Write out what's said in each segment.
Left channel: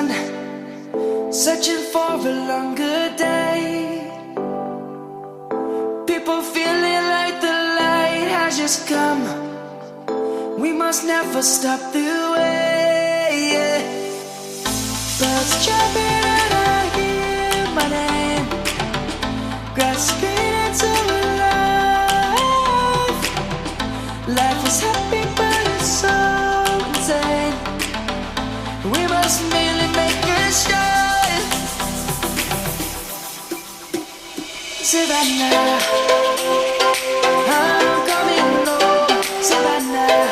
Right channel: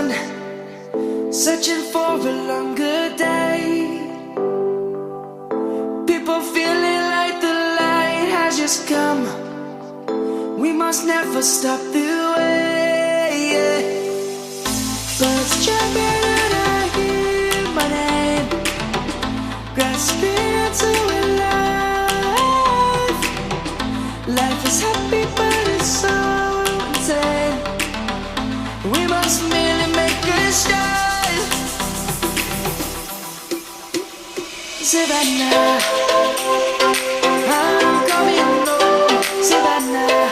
sun, searching for a longer day. People feeling like the light has just come. We must never stop the way, yeah. Birds chirping and I hear my name, grasping into a life. Life is happy but it's so insane. We must merely make a start. Savannah, I'm coming home. Savannah,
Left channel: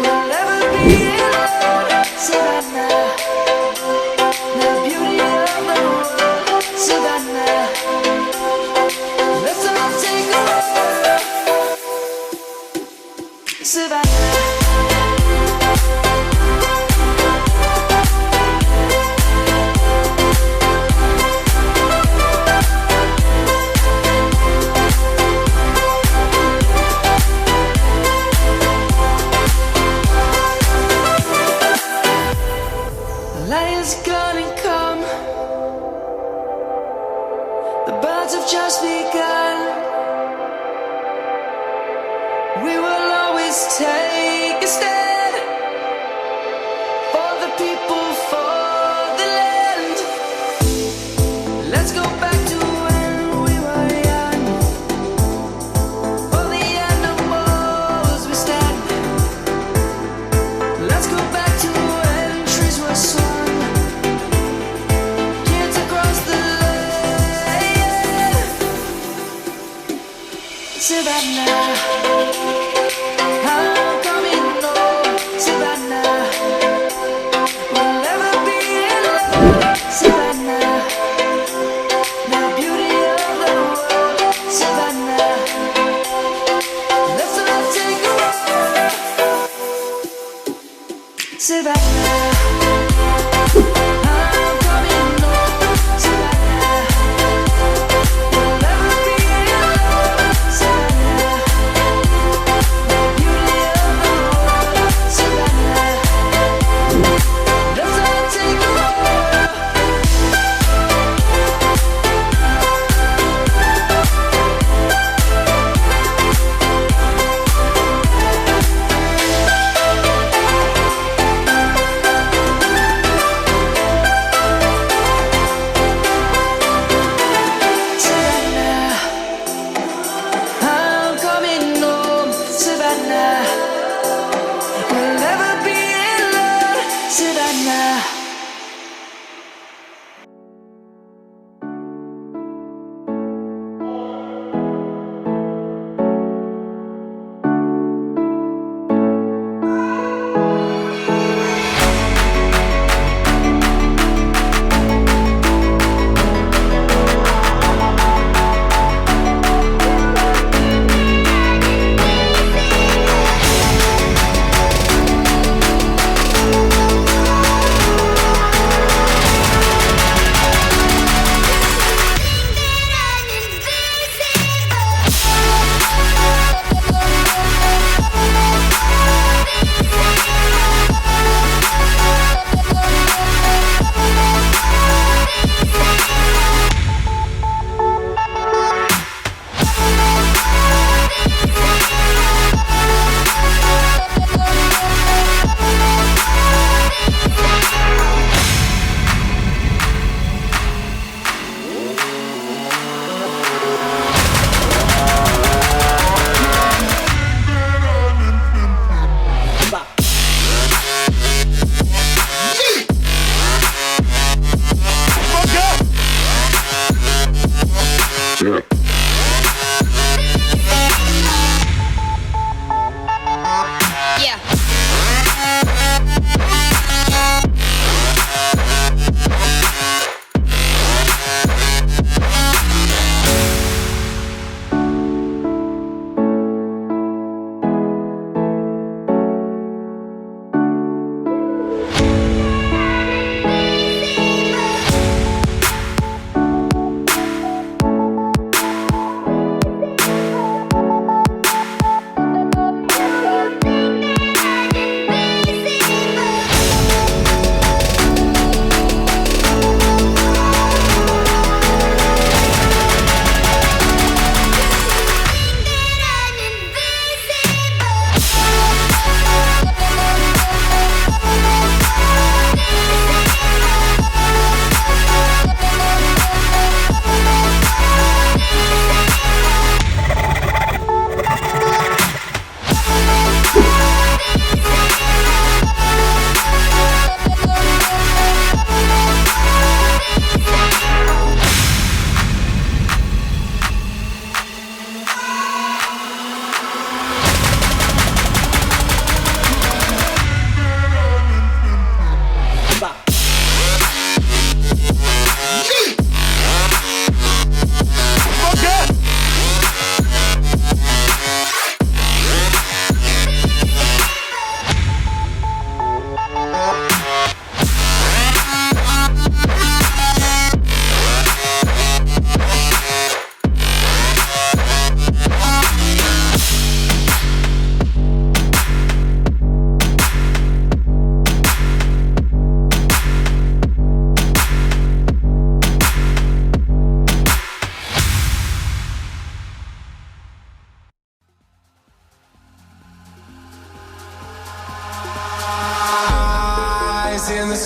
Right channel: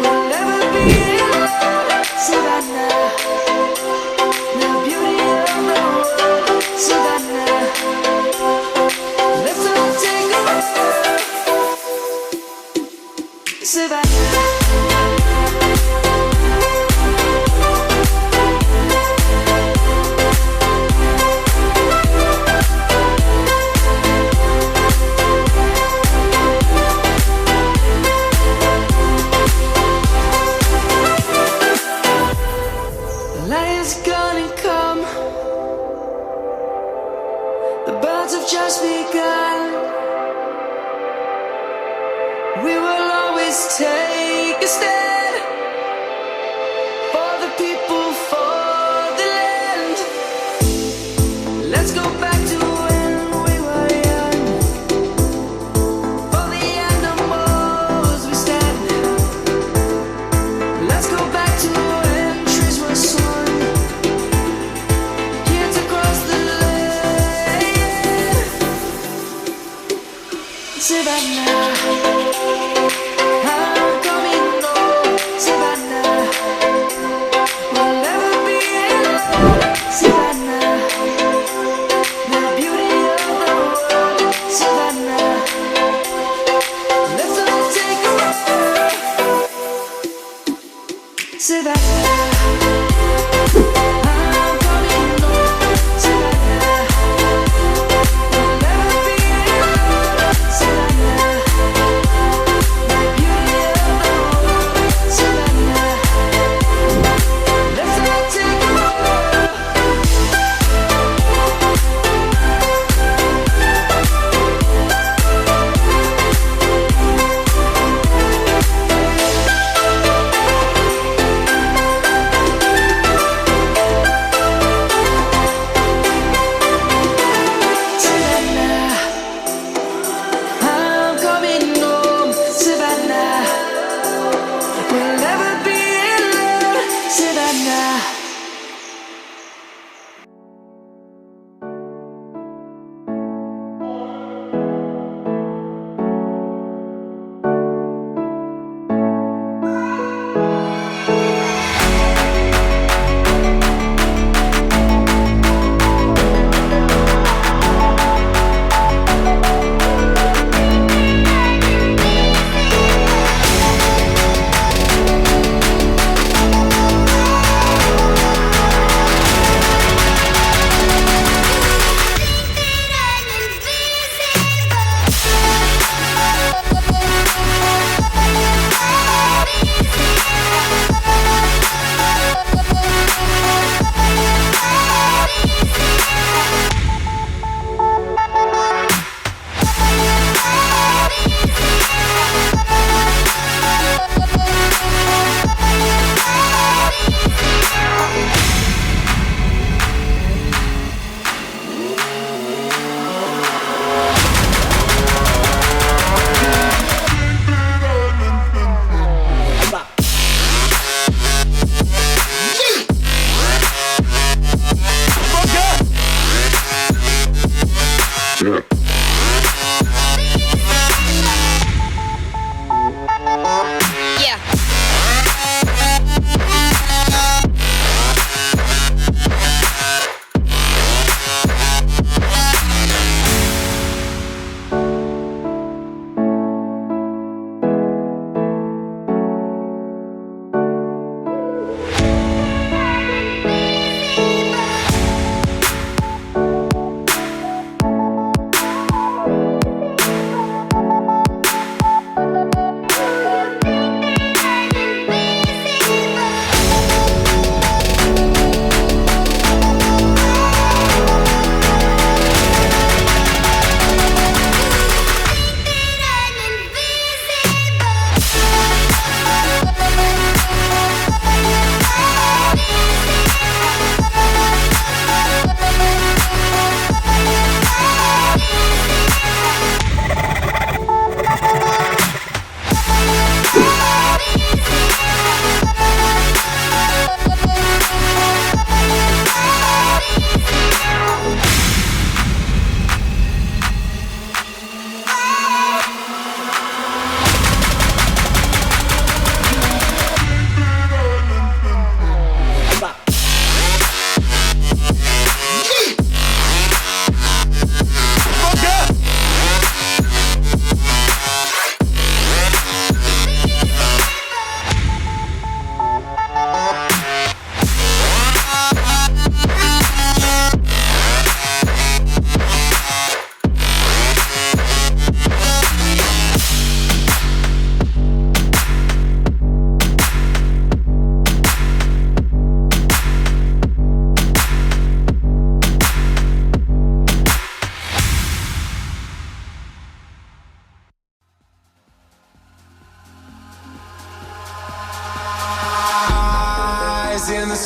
we'll never be alone. Savannah, the beauty of the world. Savannah, let's all take a walk. Savannah. Is gonna come. The birds have just begun. We will always take a stand for the people, for the land. Let's go back to when we were young. For the animals we stand. Let's go back to when trees were swung. Savannah, I'm coming home. Savannah, we'll never be alone. Savannah, the beauty of the world. Savannah, let's all take a walk. Savannah. We'll never be alone, Savannah.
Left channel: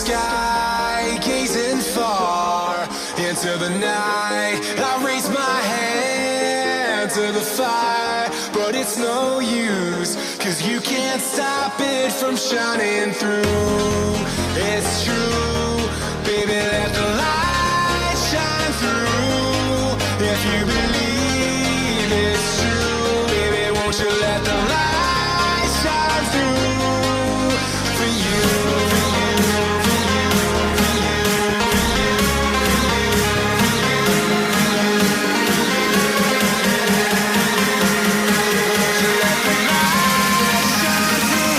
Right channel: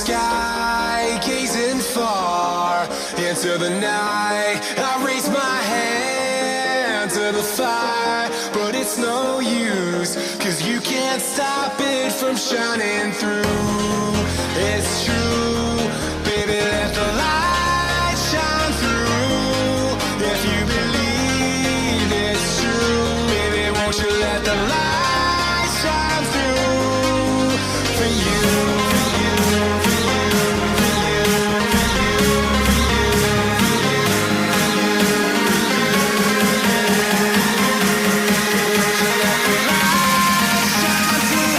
sky, gazing far into the night. I raise my hand to the fire, but it's no use, 'cause you can't stop it from shining through. It's true, baby, let the light shine through. If you believe it's true, baby, won't you let the light shine through for you, for you, for you, for you, for you, for you, for you, won't you let the light shine through.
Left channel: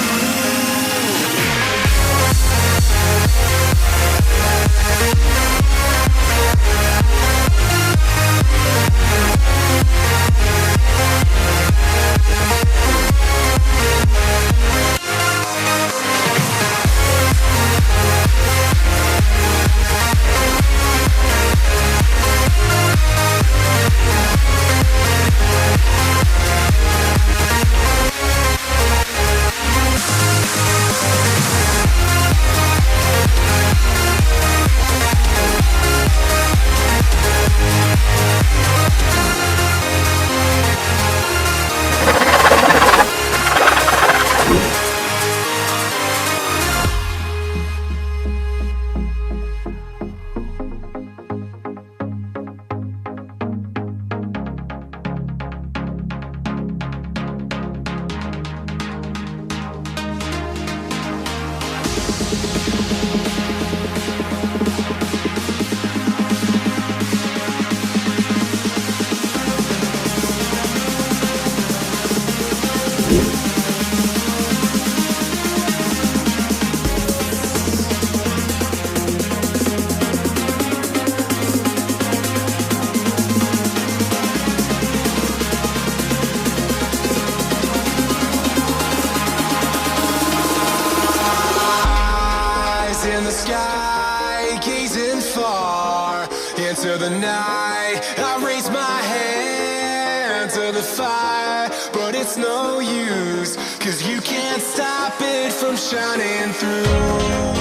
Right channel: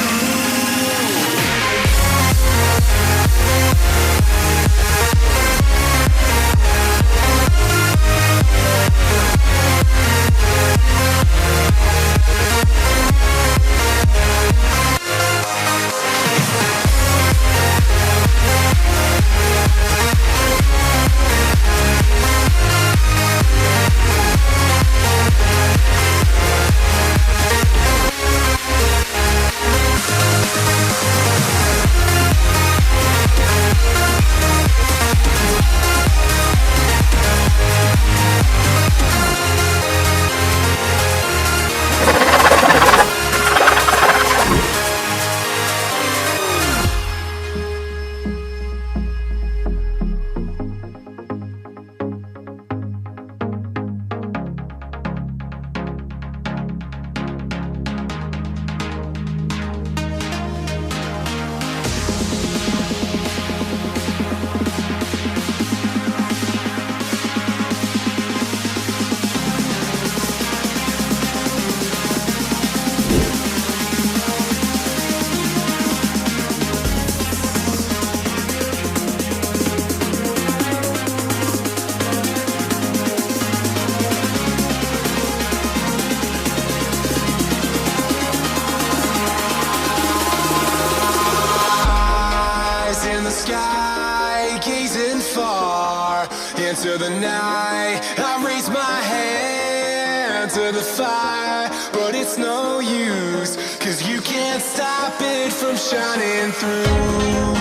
In the sky, gazing far into the night. I raise my hand to the fire, but it's no use, 'cause you can't stop it from shining through.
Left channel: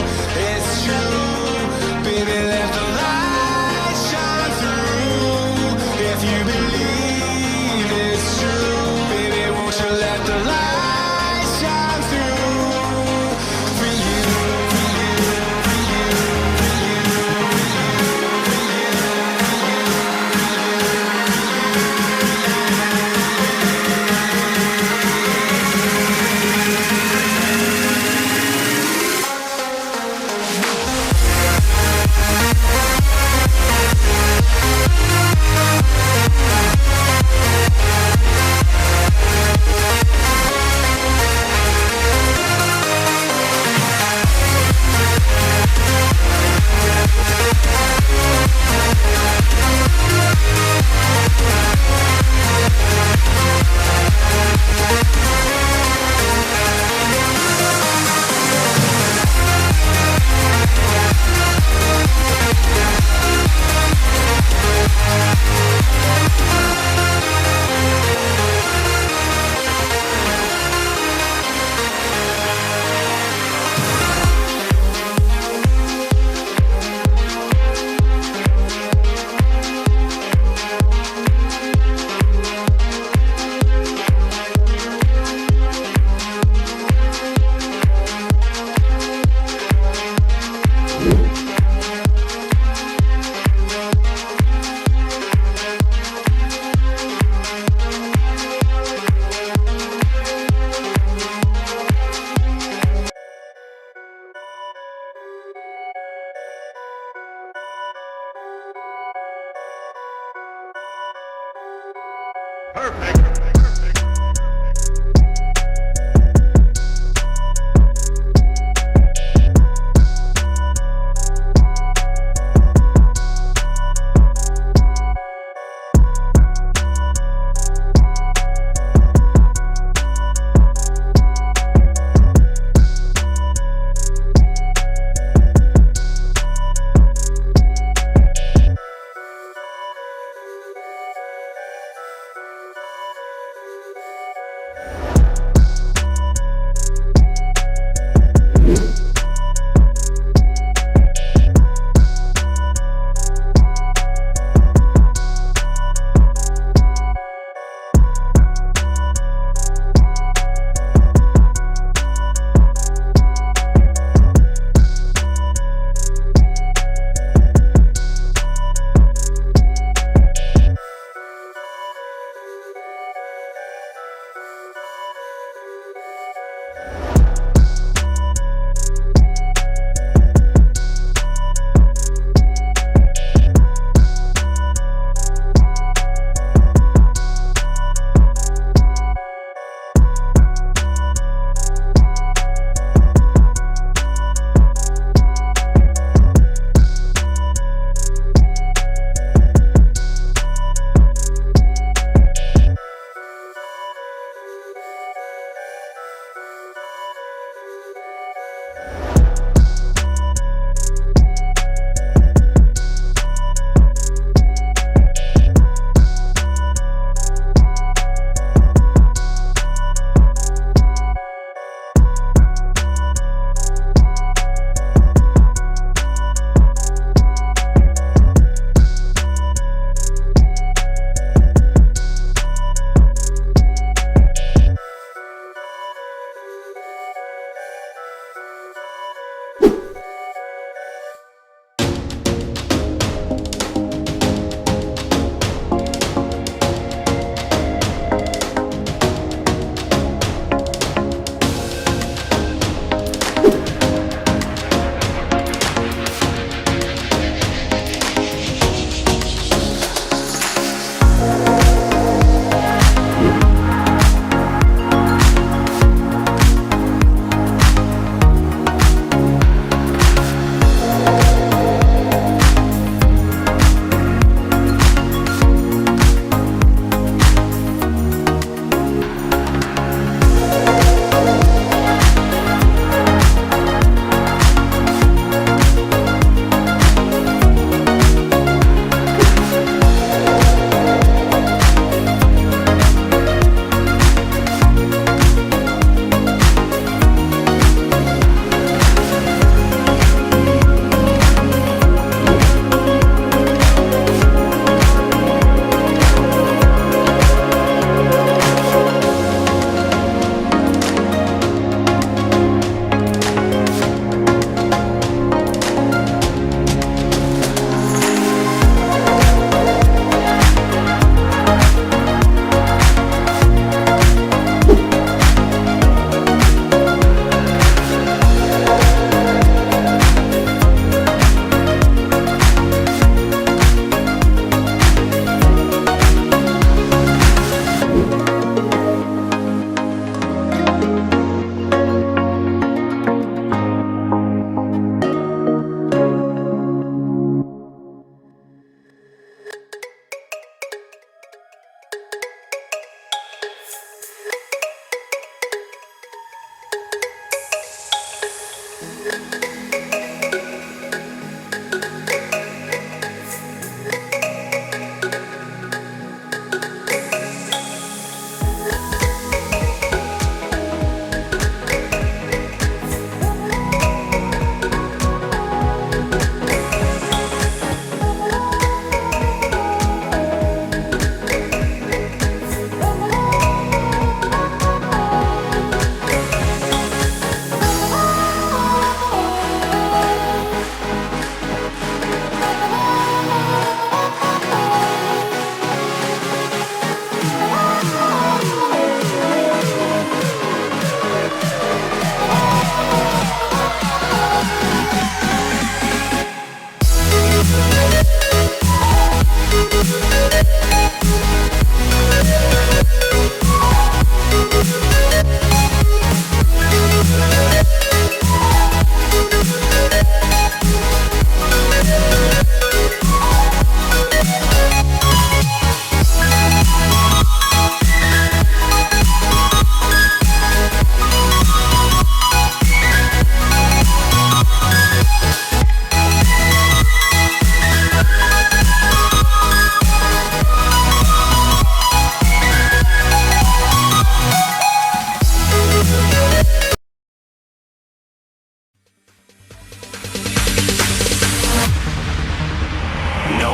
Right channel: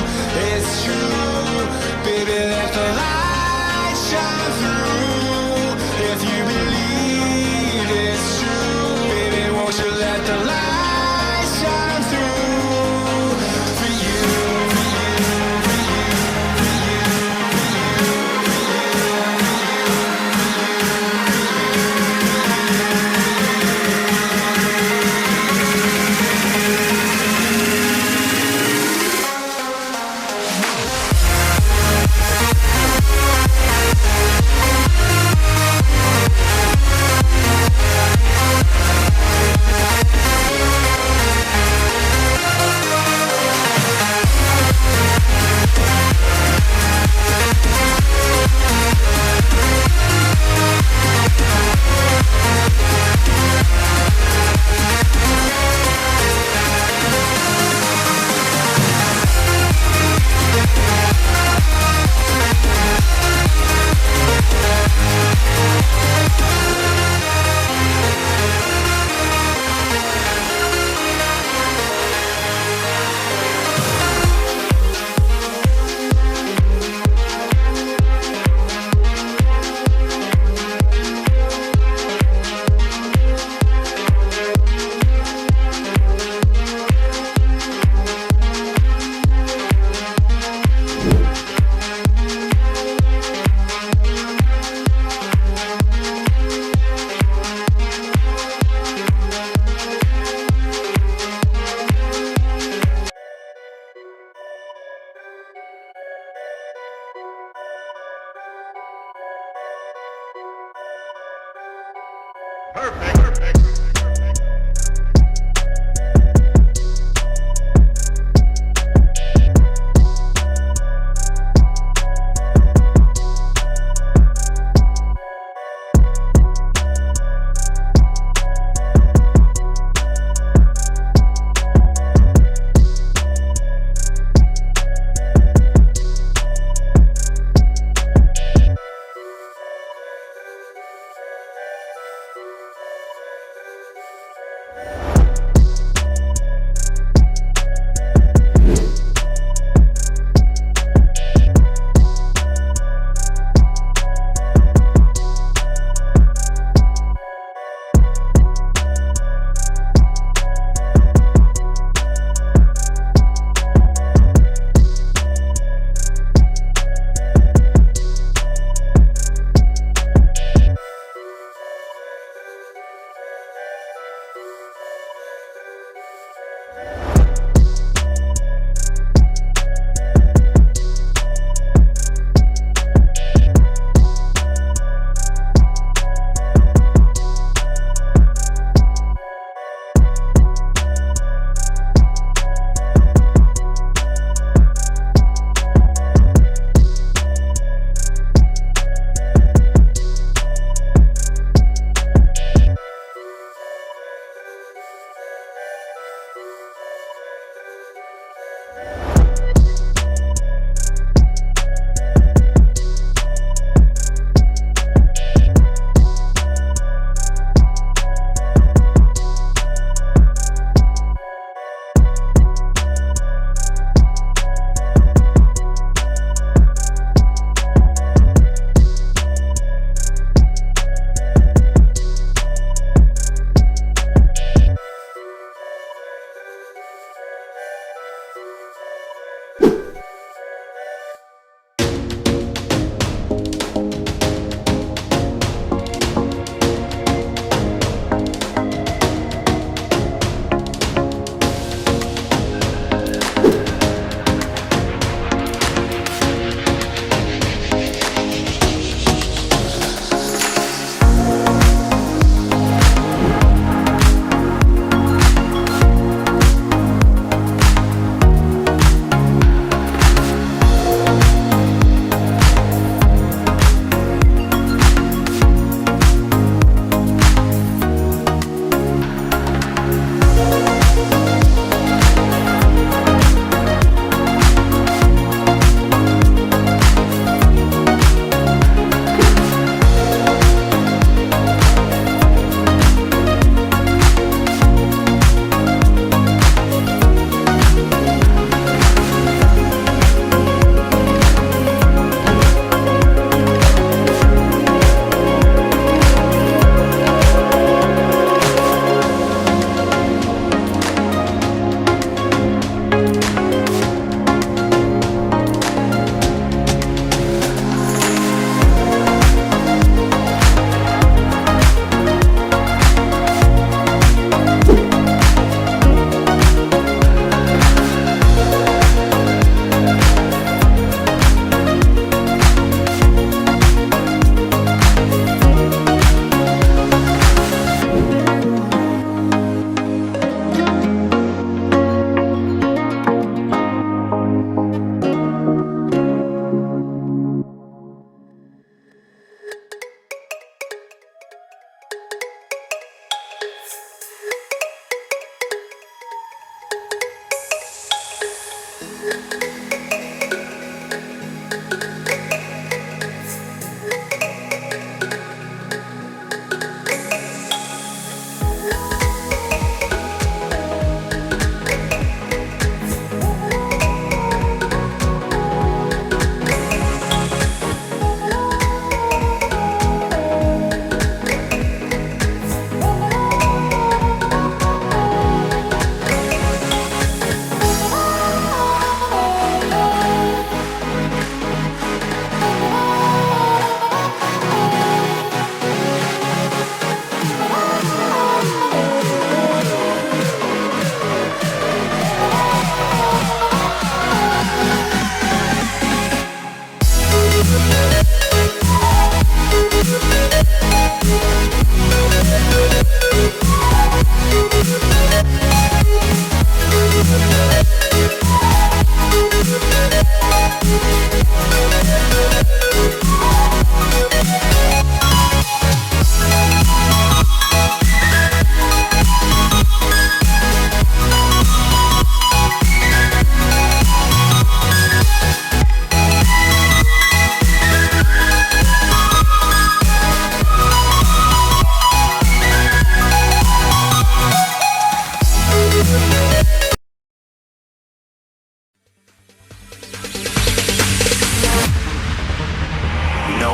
It's true, baby, let the light shine through. If you believe it's true, baby, won't you let the light shine through for you.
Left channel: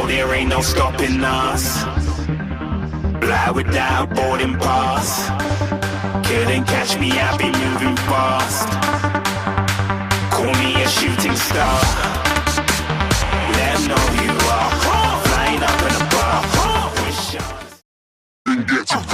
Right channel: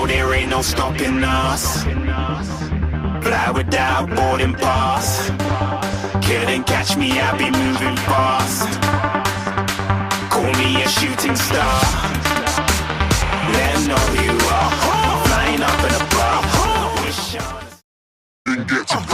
know there ain't no stopping us. Fly without boarding pass. Couldn't catch me, I'll be moving fast. Call me a shooting star. Let 'em know who you are. Flying up in a bar. Wish on. Then get to